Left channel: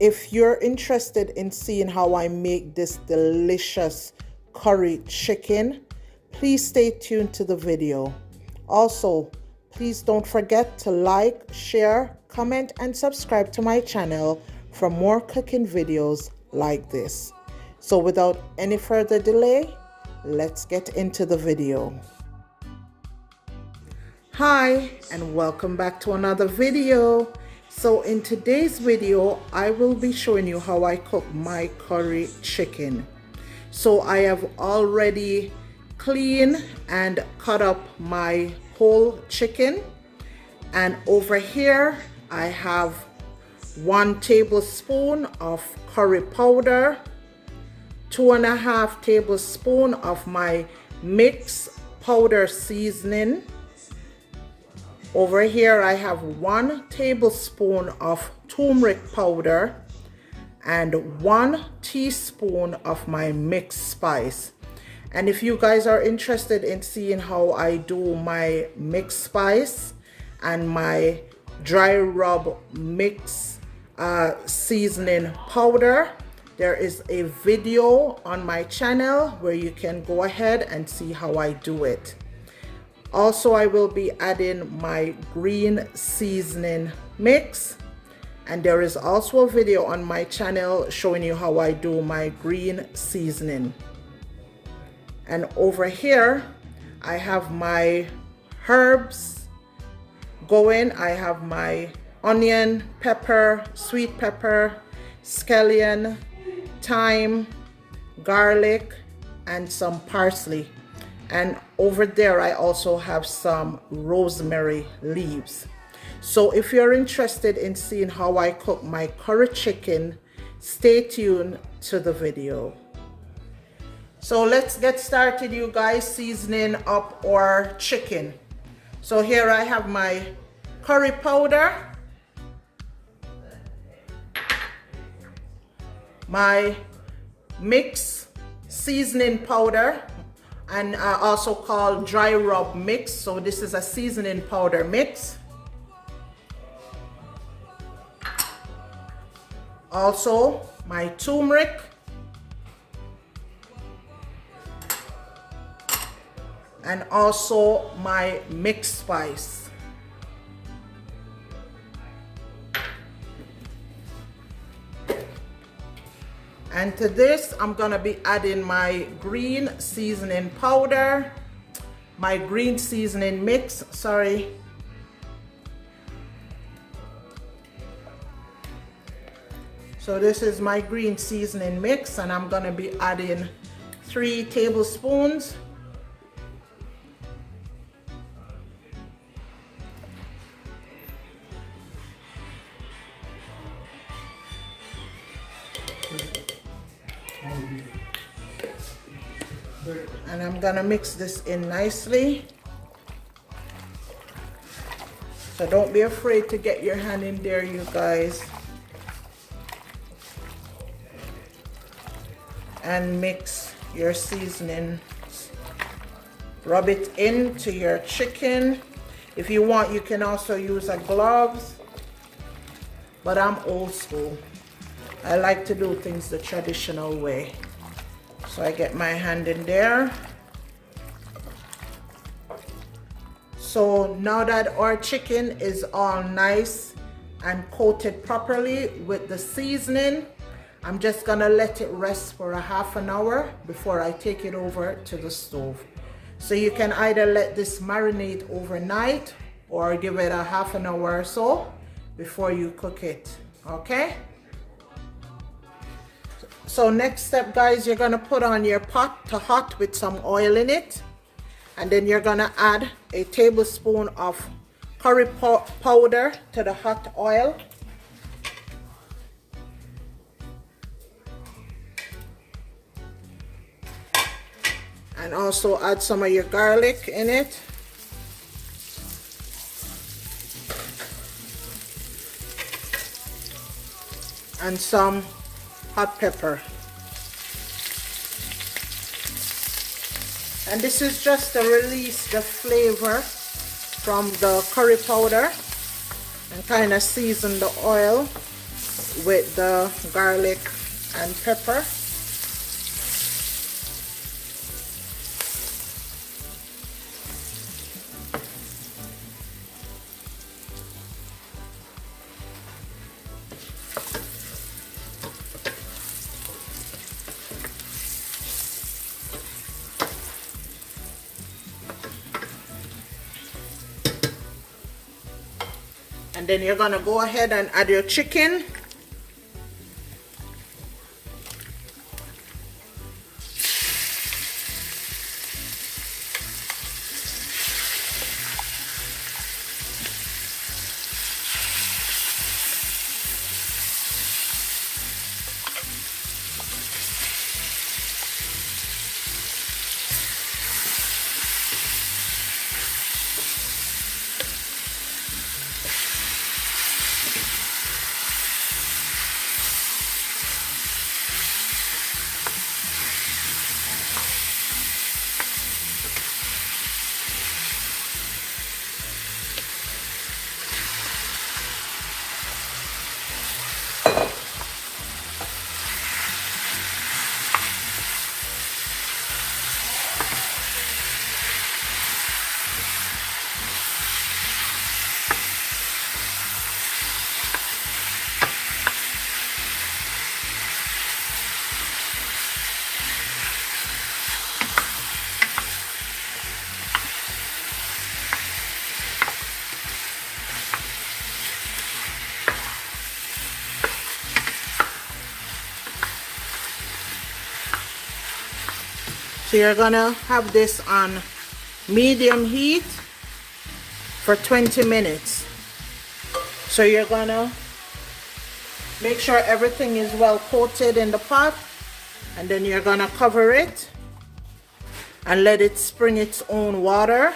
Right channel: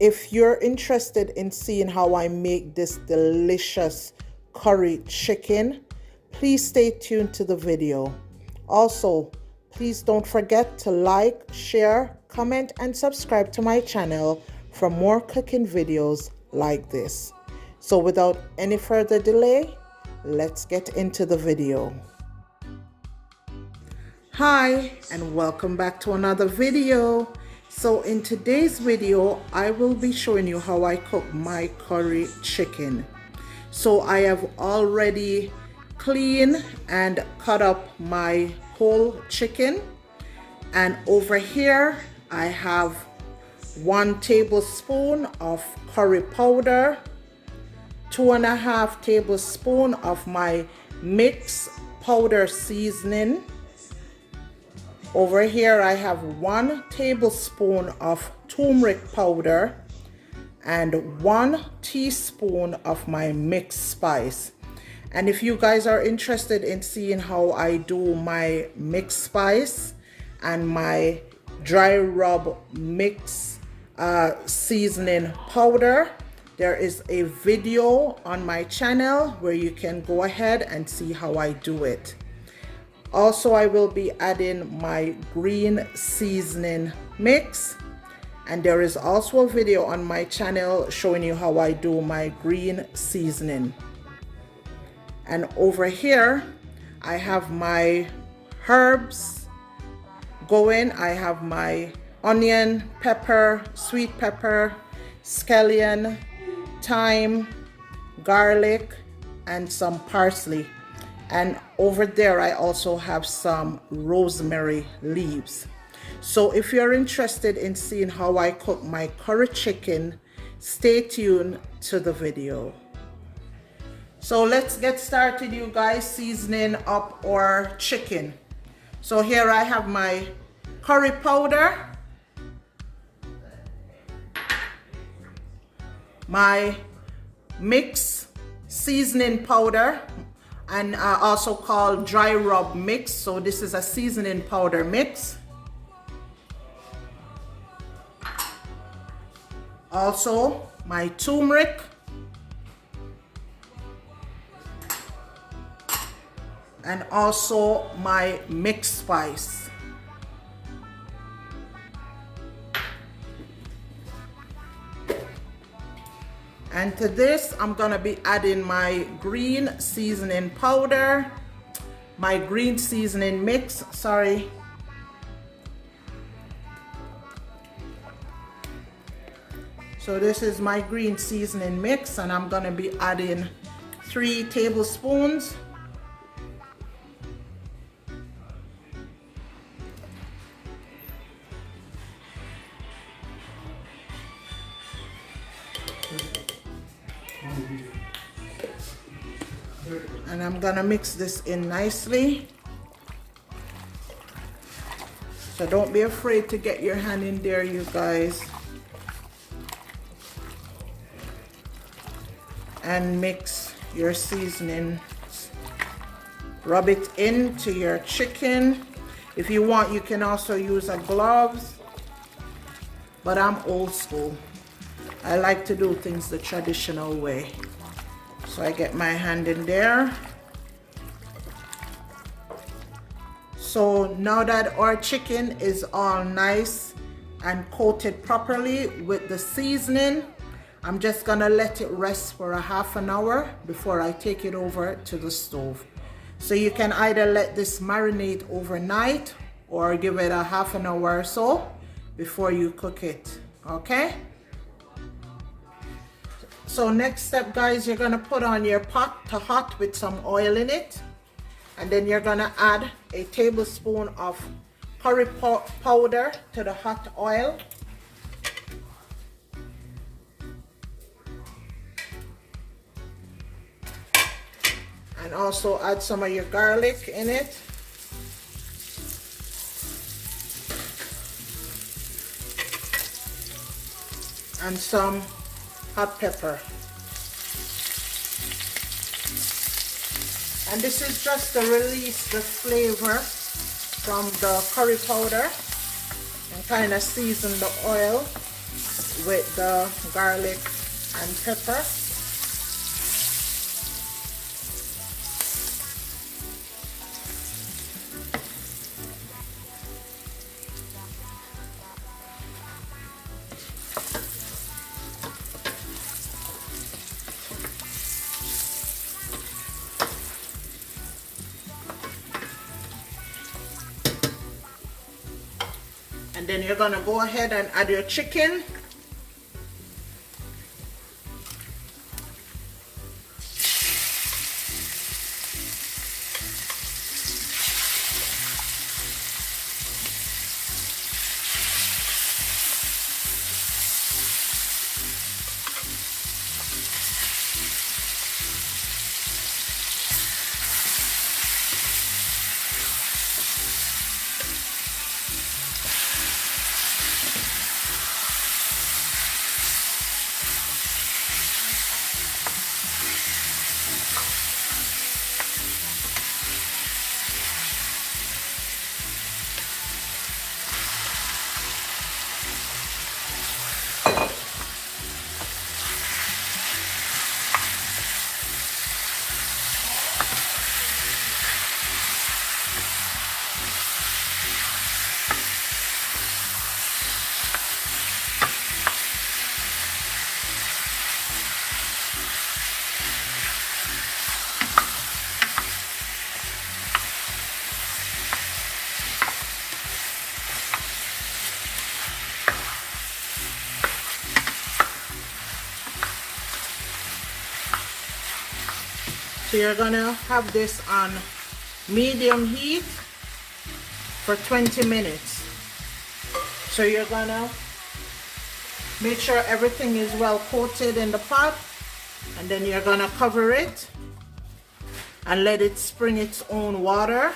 If you're interested in seeing how I make this delicious curry chicken, please stay tuned to the video. Also, please don't forget to like, share, comment, and subscribe to my channel for more cooking videos like this. So without any further delay, let's get into the video. Hi, and welcome back to another video. So in today's video, I will be showing you how I cook my curry chicken. So I have already cleaned and cut up my whole chicken. And over here, I have 1 tablespoon of curry powder, 2.5 tablespoons of my mixed powder seasoning. Over here I have 1 tablespoon of turmeric powder and 1 teaspoon of my mixed spice. And if you guys are interested in seeing how I do my mixed spice and my dry rub mix seasoning powder, there is a video on my channel where you can go ahead and see how I do it. Also, I will be adding my green seasoning mix, and there is also a video on my channel showing you how I do my green seasoning. And over here I have my herbs going. I have my onion, pepper, sweet pepper, scallion, thyme, garlic, and some parsley. And over there I also have some rosemary leaves. So if you're interested in seeing how I cook my curry chicken, stay tuned to the video. So let's get started, you guys, seasoning up our chicken. So here I have my curry powder, my mix seasoning powder, and also called dry rub mix. So this is a seasoning powder mix. Also my turmeric, and also my mixed spice. And to this, I'm gonna be adding my green seasoning powder, my green seasoning mix, sorry. So this is my green seasoning mix, and I'm gonna be adding 3 tablespoons. And I'm gonna mix this in nicely. So don't be afraid to get your hand in there, you guys. And mix your seasoning. Rub it into your chicken. If you want, you can also use a glove, but I'm old school. I like to do things the traditional way. So I get my hand in there. So now that our chicken is all nice and coated properly with the seasoning, I'm just gonna let it rest for a half an hour before I take it over to the stove. So you can either let this marinate overnight or give it a half an hour or so before you cook it, okay? So next step, guys, you're gonna put on your pot to hot with some oil in it, and then you're gonna add a tablespoon of curry powder to the hot oil. And also add some of your garlic in it. And some hot pepper. And this is just to release the flavor from the curry powder and kind of season the oil with the garlic and pepper. And then you're gonna go ahead and add your chicken. So you're gonna have this on medium heat for 20 minutes. So you're gonna make sure everything is well coated in the pot, and then you're gonna cover it and let it spring its own water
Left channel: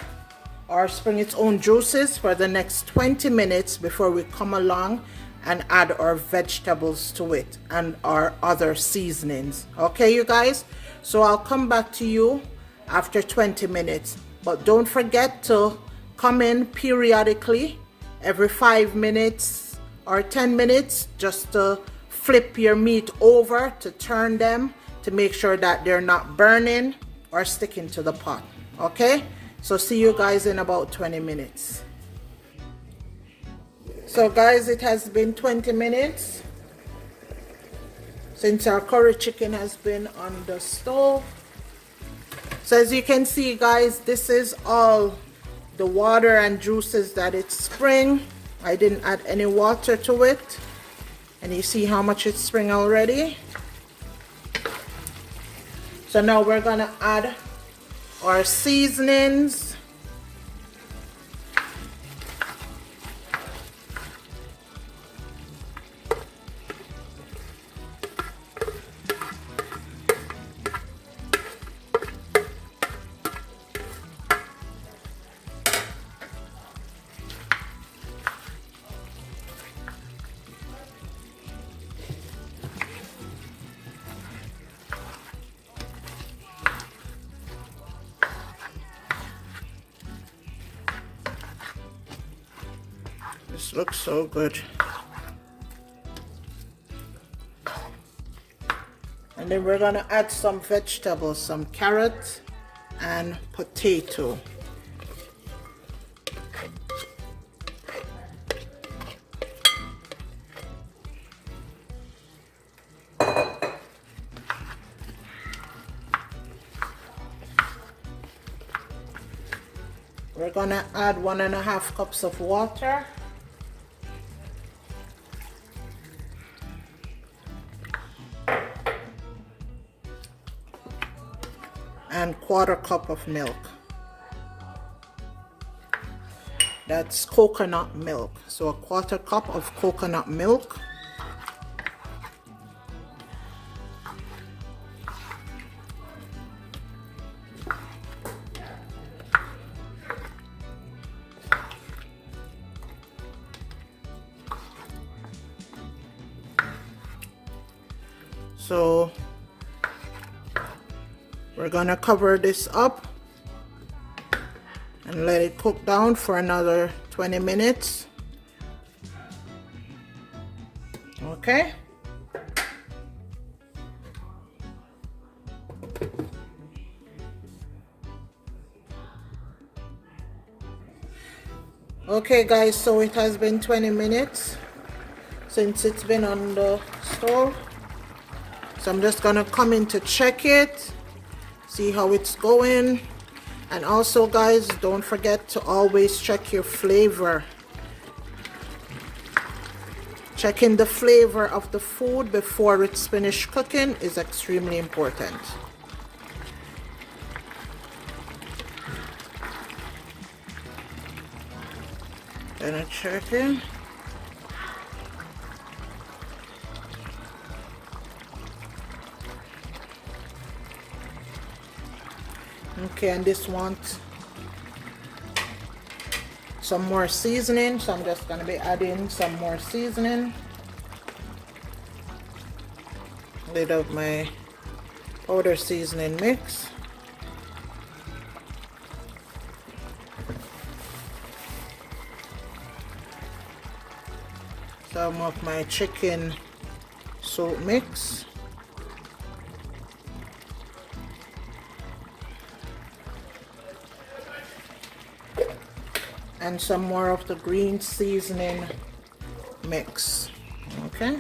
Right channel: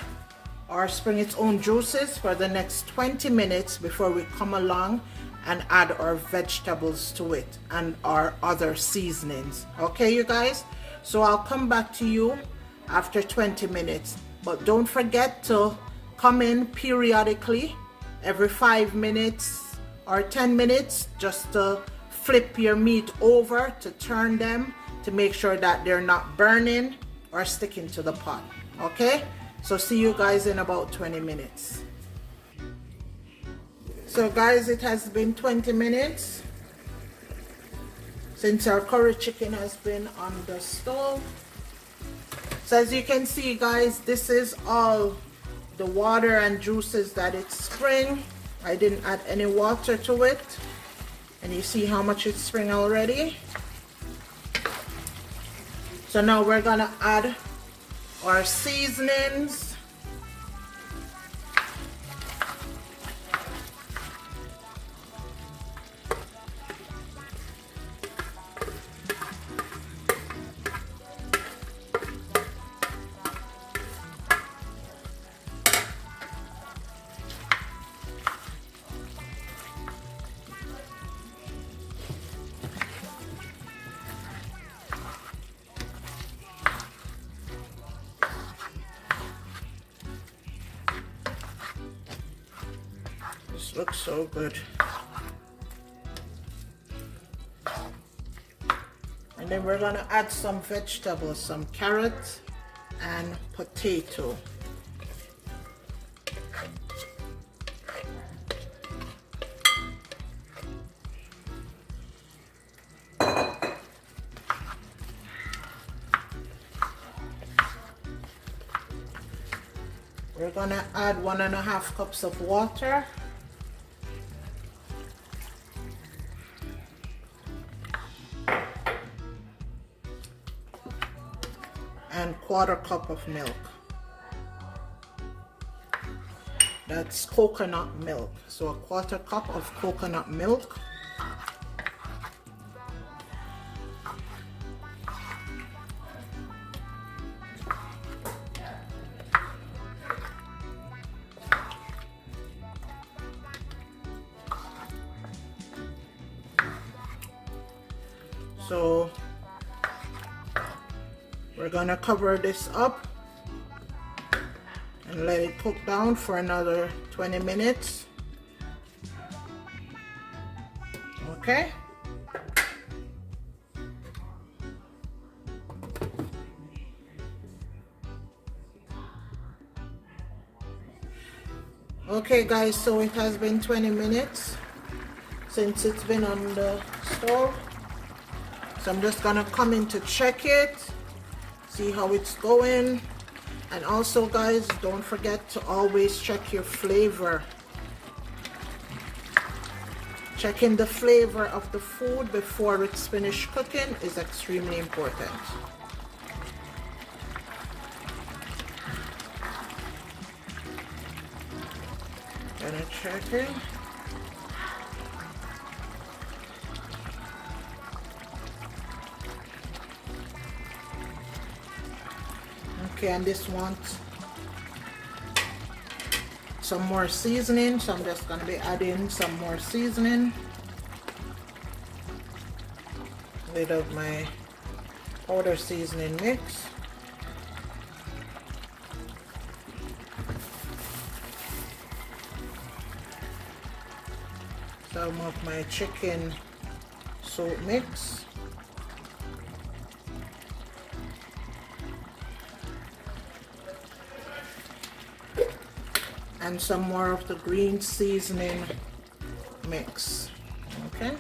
or spring its own juices for the next 20 minutes before we come along and add our vegetables to it and our other seasonings. Okay, you guys? So I'll come back to you after 20 minutes. But don't forget to come in periodically, every 5 minutes or 10 minutes, just to flip your meat over to turn them to make sure that they're not burning or sticking to the pot. Okay? So see you guys in about 20 minutes. So guys, it has been 20 minutes since our curry chicken has been on the stove. So as you can see, guys, this is all the water and juices that it spring. I didn't add any water to it, and you see how much it spring already. So now we're gonna add our seasonings. This looks so good. And then we're gonna add some vegetables, some carrot and potato. We're gonna add 1.5 cups of water. And 1/4 cup of milk. That's coconut milk. So a 1/4 cup of coconut milk. So we're gonna cover this up and let it cook down for another 20 minutes. Okay. Okay guys, so it has been 20 minutes since it's been on the stove. So I'm just gonna come in to check it, see how it's going. And also guys, don't forget to always check your flavor. Checking the flavor of the food before it's finished cooking is extremely important. Gonna check it. Okay, and this wants some more seasoning, so I'm just gonna be adding some more seasoning. Lid of my powder seasoning mix. Some of my chicken soup mix. And some more of the green seasoning mix. Okay.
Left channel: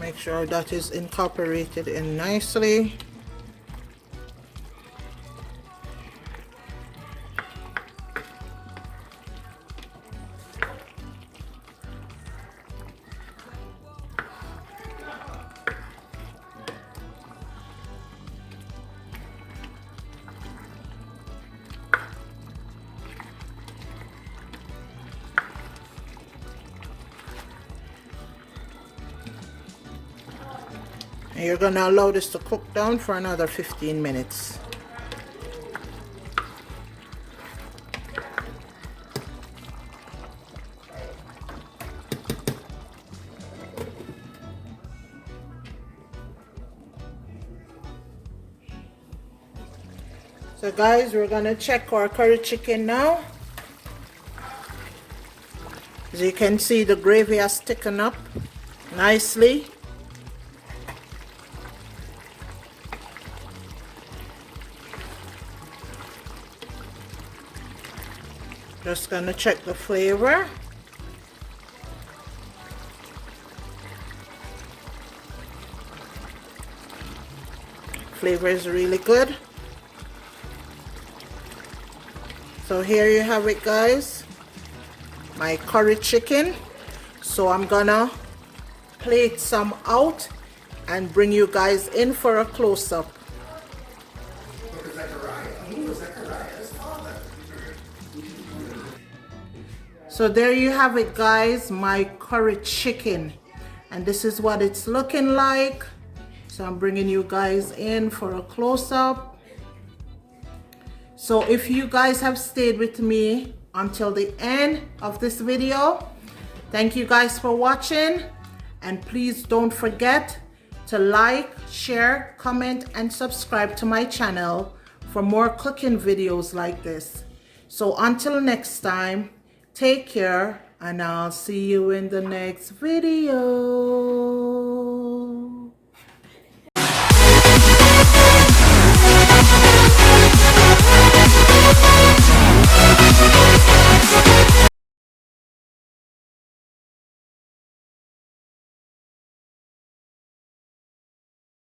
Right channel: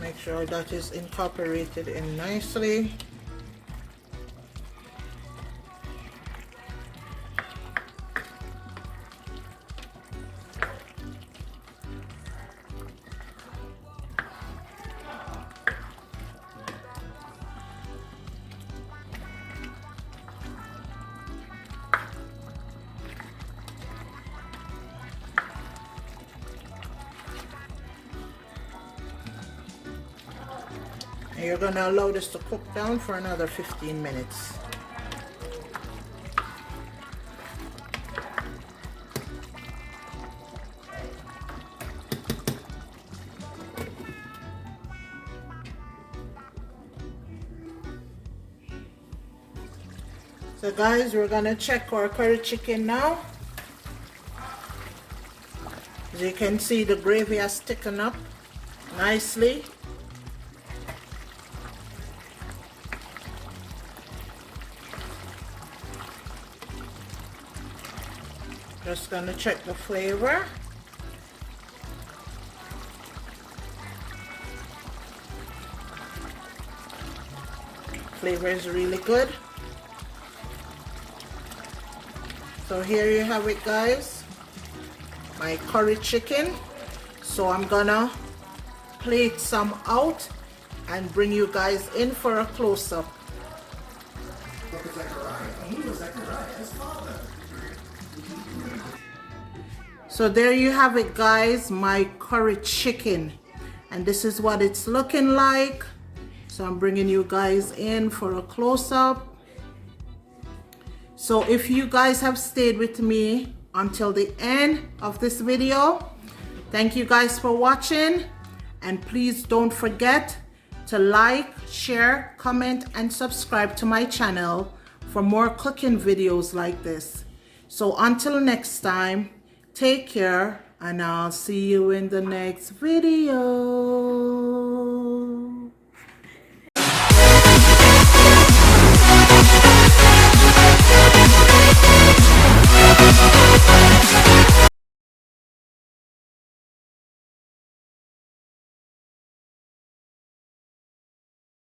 Make sure that is incorporated in nicely. And you're going to allow this to cook down for another 15 minutes. So guys, we're going to check our curry chicken now. As you can see, the gravy has thickened up nicely. Just gonna check the flavor. Flavor is really good. So here you have it guys, my curry chicken. So I'm gonna plate some out and bring you guys in for a close-up. So there you have it guys, my curry chicken, and this is what it's looking like. So I'm bringing you guys in for a close-up. So if you guys have stayed with me until the end of this video, thank you guys for watching, and please don't forget to like, share, comment, and subscribe to my channel for more cooking videos like this. So until next time, take care, and I'll see you in the next video.